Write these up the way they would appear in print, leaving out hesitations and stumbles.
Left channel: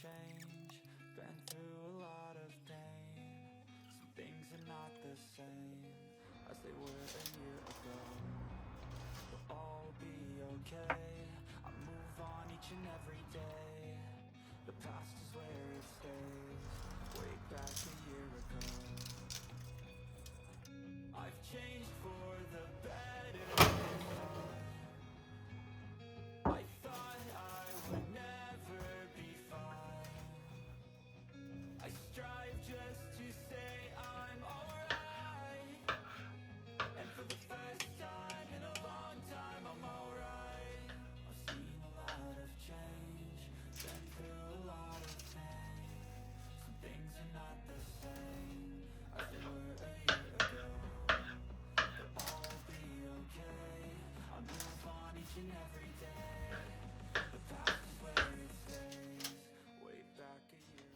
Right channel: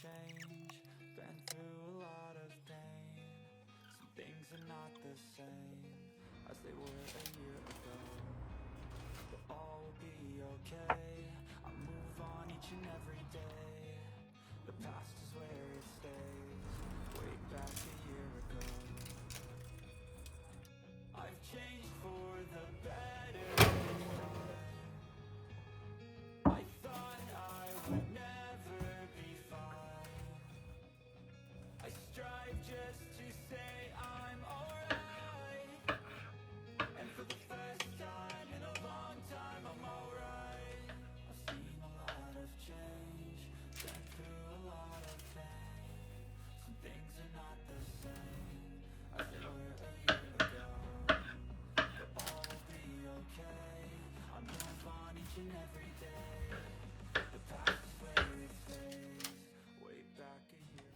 change, been through a lot of pain. Some things are not the same as they were a year ago, but all will be okay. I move on each and every day. The past is where it stays, way back a year ago. I've changed for the better this time. I thought I would never be fine. I strive just to say I'm alright, and for the first time in a long time I'm alright. I've seen a lot of change, been through a lot of pain. Some things are not the same as they were a year ago, but all will be okay. I move on each and every day. The past is where it stays, way back a year.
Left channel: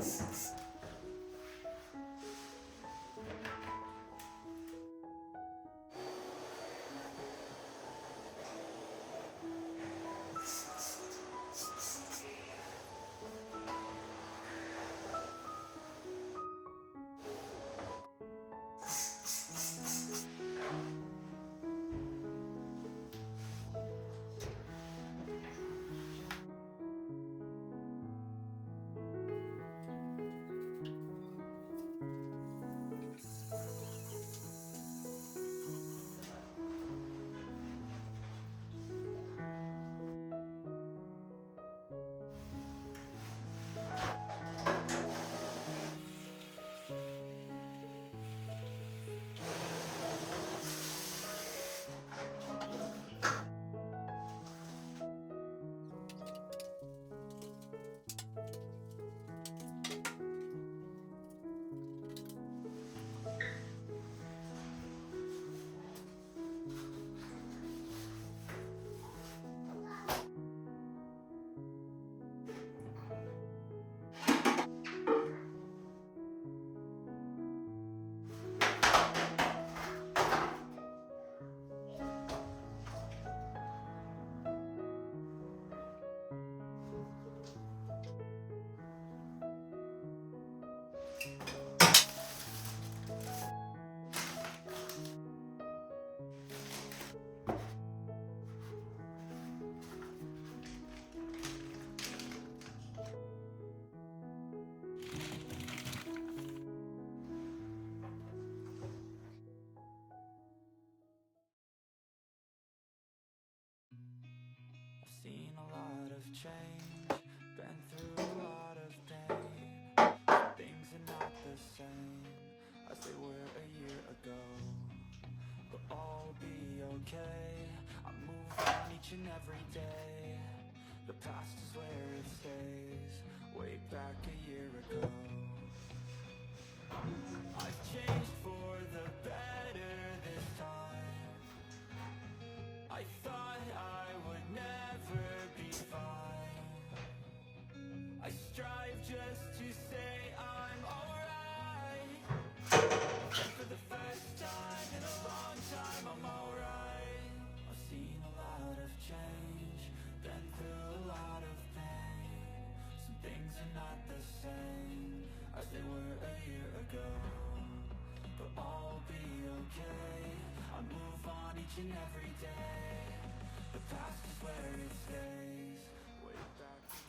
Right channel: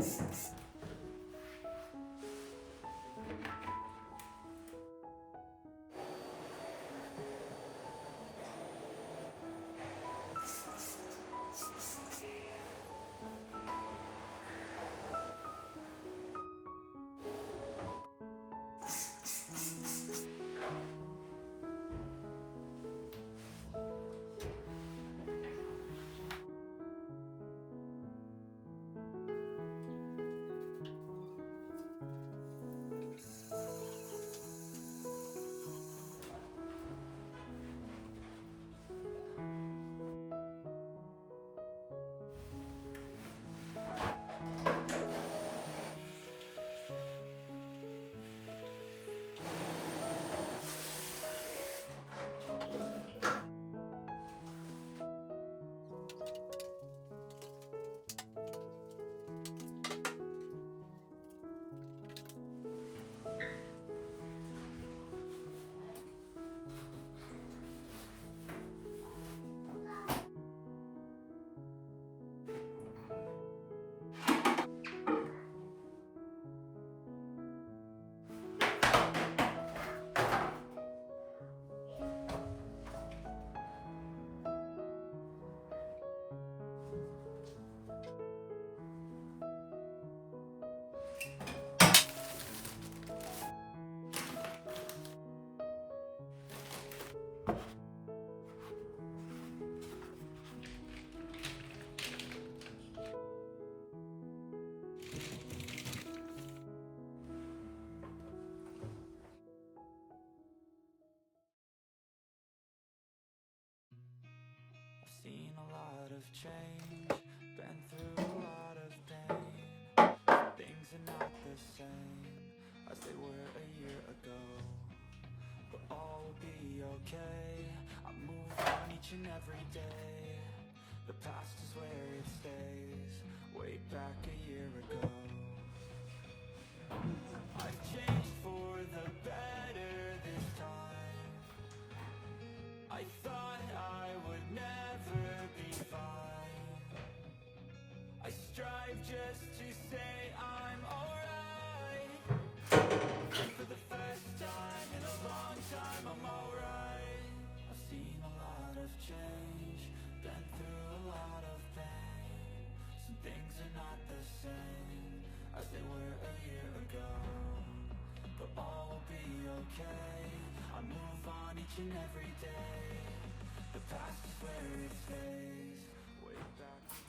I've seen a lot of change, been through a lot of pain. Some things are not the same as they were a year ago, but all will be okay. I move on each and every day. The past is where it stays, way back a year ago. I've changed for the better this time. I thought I would never be fine. I strive just to say I'm alright. And for the first time in a long time, I'm alright. I've seen a lot of change, been through a lot of pain. Some things are not the same as they were a year ago, but all will be okay. I move on each and every day. The past is where it stays, way back here.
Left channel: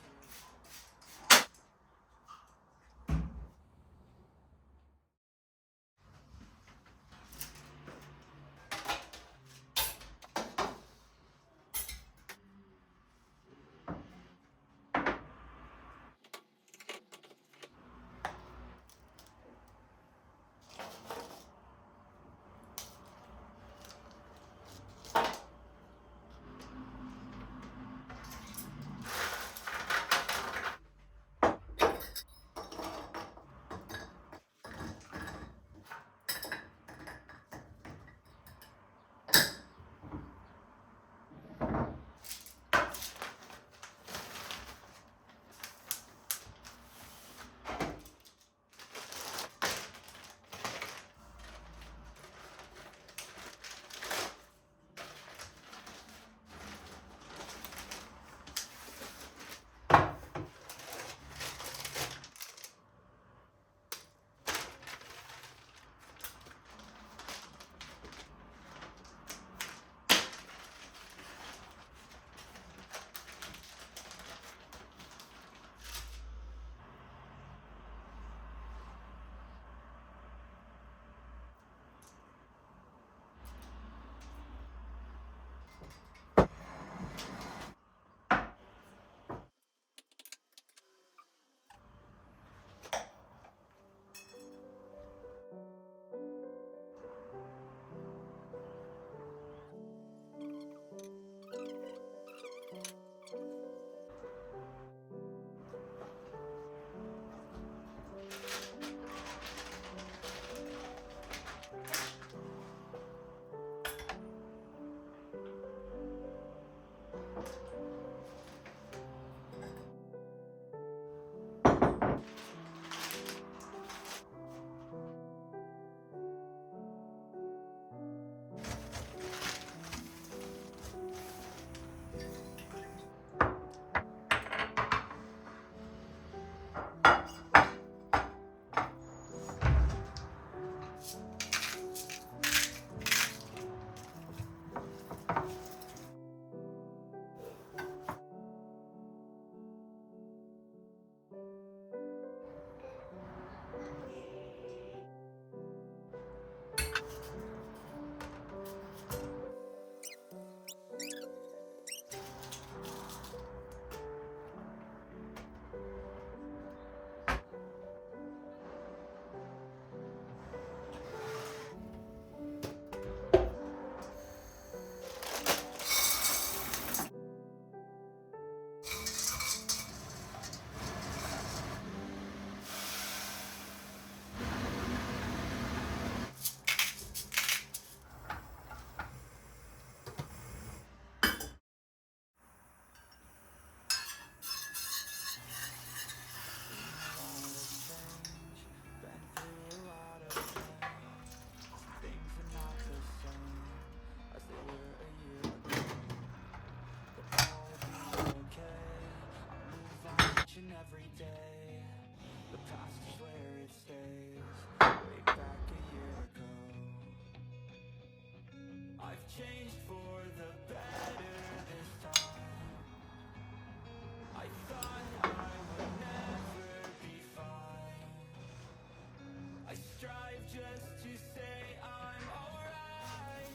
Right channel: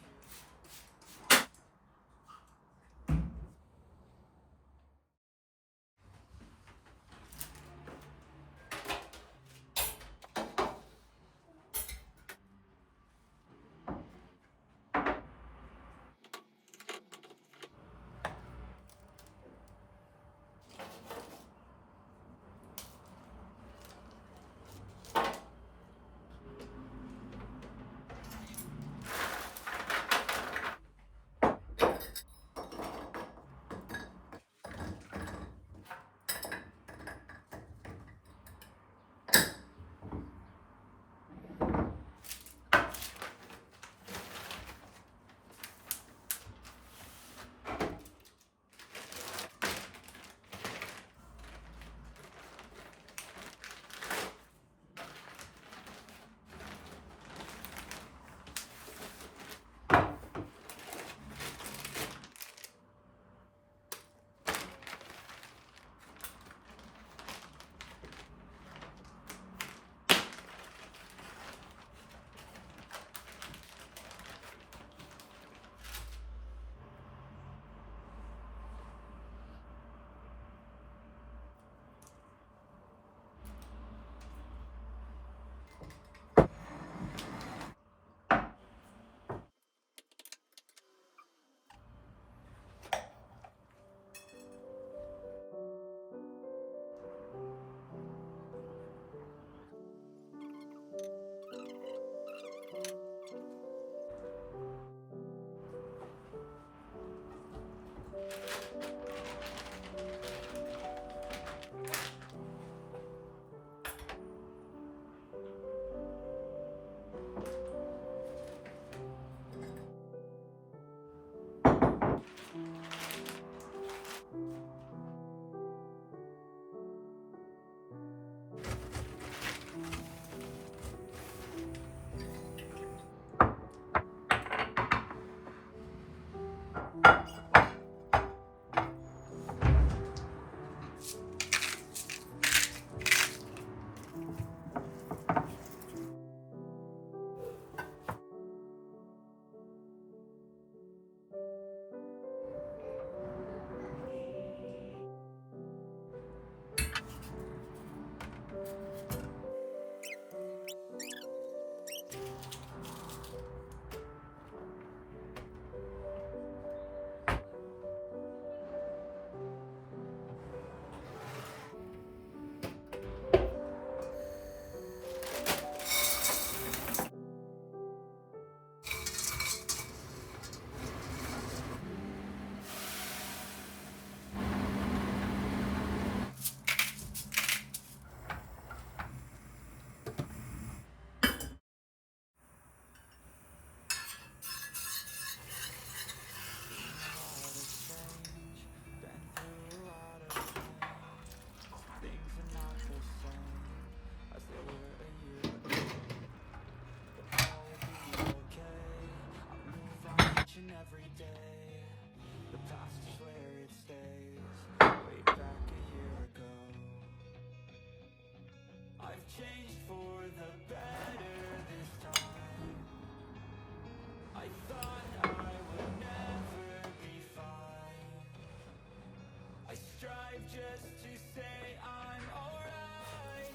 strive just to say I'm alright.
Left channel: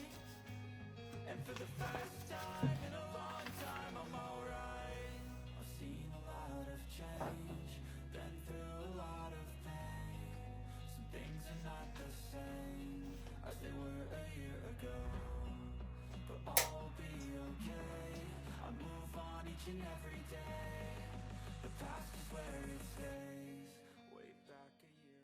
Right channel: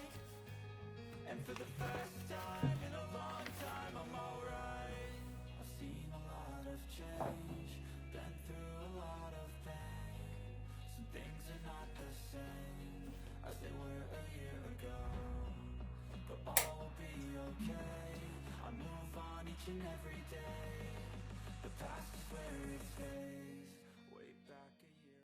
And for the first time in a long time, I'm alright. I've seen a lot of change, been through a lot of pain. Some things are not the same as they were a year ago, but all will be okay. I move on each and every day. The past is where it stays.